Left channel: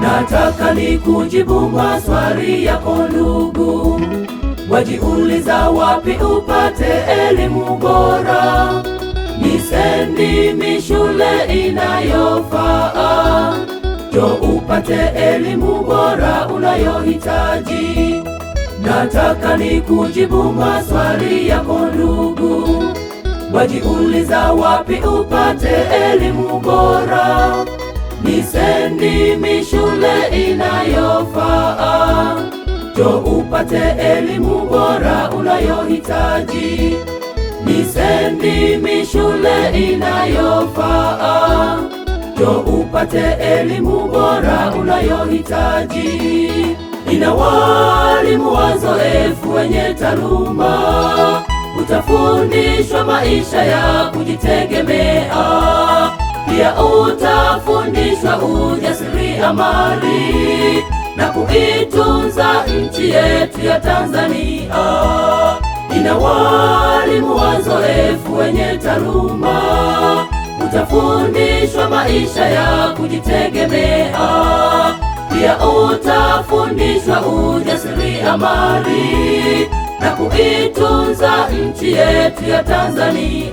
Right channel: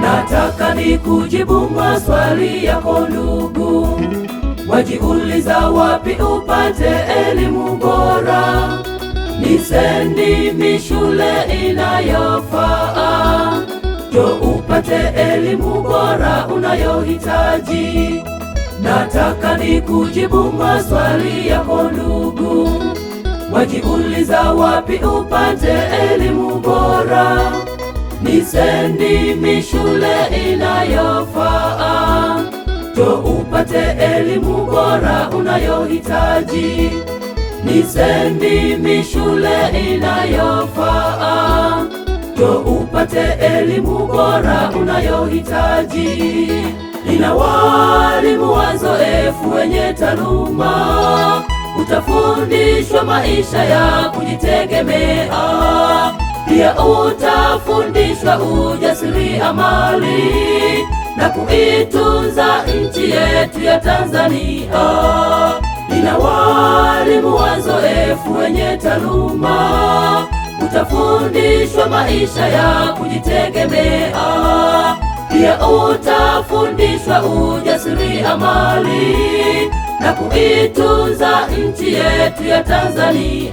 Nataka nikujibu maswali yako ndugu, wajiuliza wapi upate elimu bora. Ni sendi shule inayofaa, ndio upate elimu bora unayohitaji. Nataka nikujibu maswali yako ndugu, wajiuliza wapi upate elimu bora. Ni sendi shule inayofaa, ndio upate elimu bora unayohitaji. Ni sendi shule inayofaa, ndio upate elimu bora unayohitaji. Ina walimu wazoefu wenye taaluma, utafundishwa maisha ya kujitegemea. Pia utafundishwa ujasiriamali na kuitunza nchi yetu ya Tanzania. Ina walimu wazoefu wenye taaluma, utafundishwa maisha ya kujitegemea. Pia utafundishwa ujasiriamali na kuitunza nchi yetu ya Tanzania.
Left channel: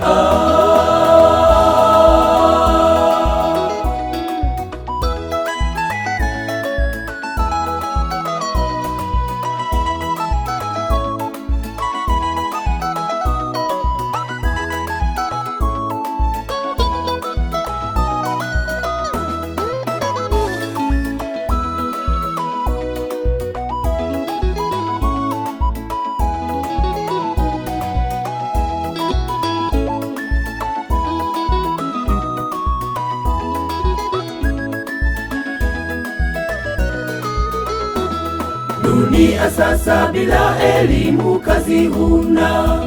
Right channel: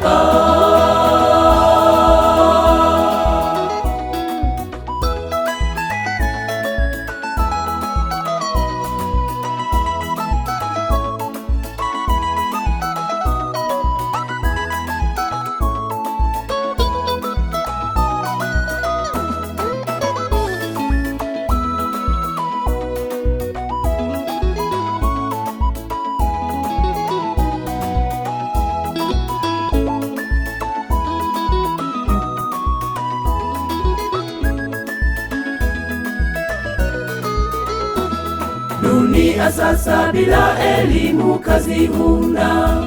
Dunia sasa bila elimu kazi huna.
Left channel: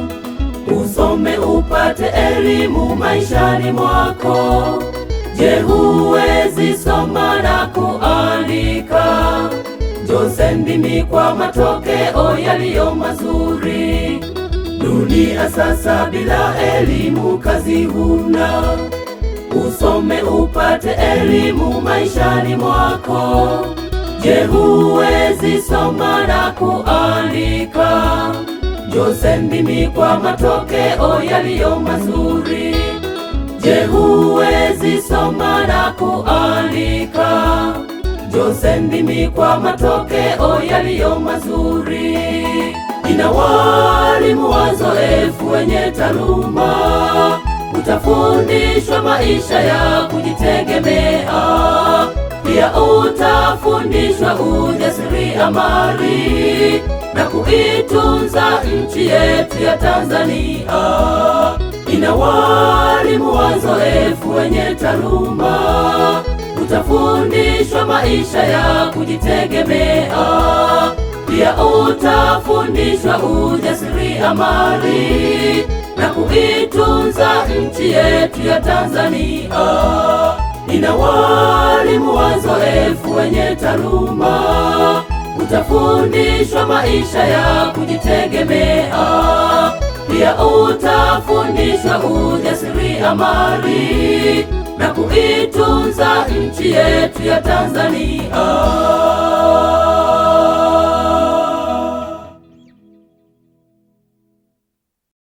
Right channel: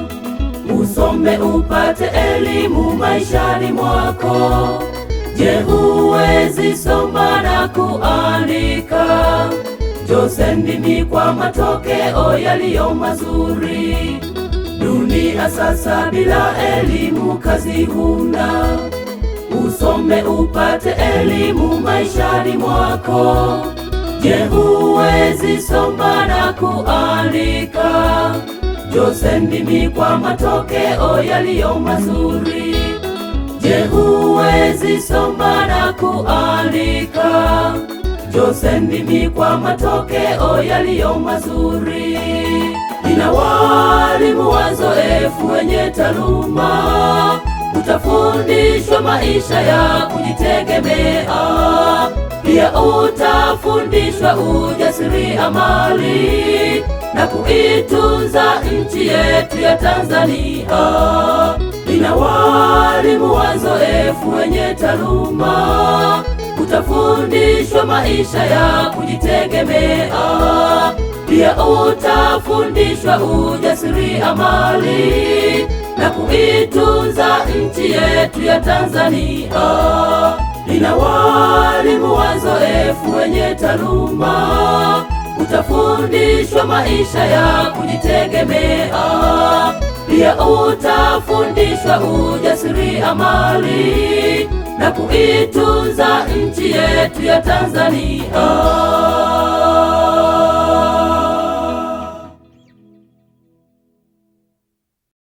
Usome upate elimu maishani mwako. Je, huwezi soma na kuandika? Njoo sendi kwa matokeo yaliyo mazuri. Dunia sasa bila elimu kazi huna. Usome upate elimu maishani mwako. Je, huwezi soma na kuandika? Njoo sendi kwa matokeo yaliyo mazuri. Je, huwezi soma na kuandika? Njoo sendi kwa matokeo yaliyo mazuri. Ina walimu wazoefu wenye taaluma, utafundishwa maisha ya kujitegemea. Pia utafundishwa ujasiriamali na kuitunza nchi yetu ya Tanzania. Ina walimu wazoefu wenye taaluma, utafundishwa maisha ya kujitegemea. Pia utafundishwa ujasiriamali na kuitunza nchi yetu ya Tanzania. Ina walimu wazoefu wenye taaluma, utafundishwa maisha ya kujitegemea. Pia utafundishwa ujasiriamali na kuitunza nchi yetu ya Tanzania.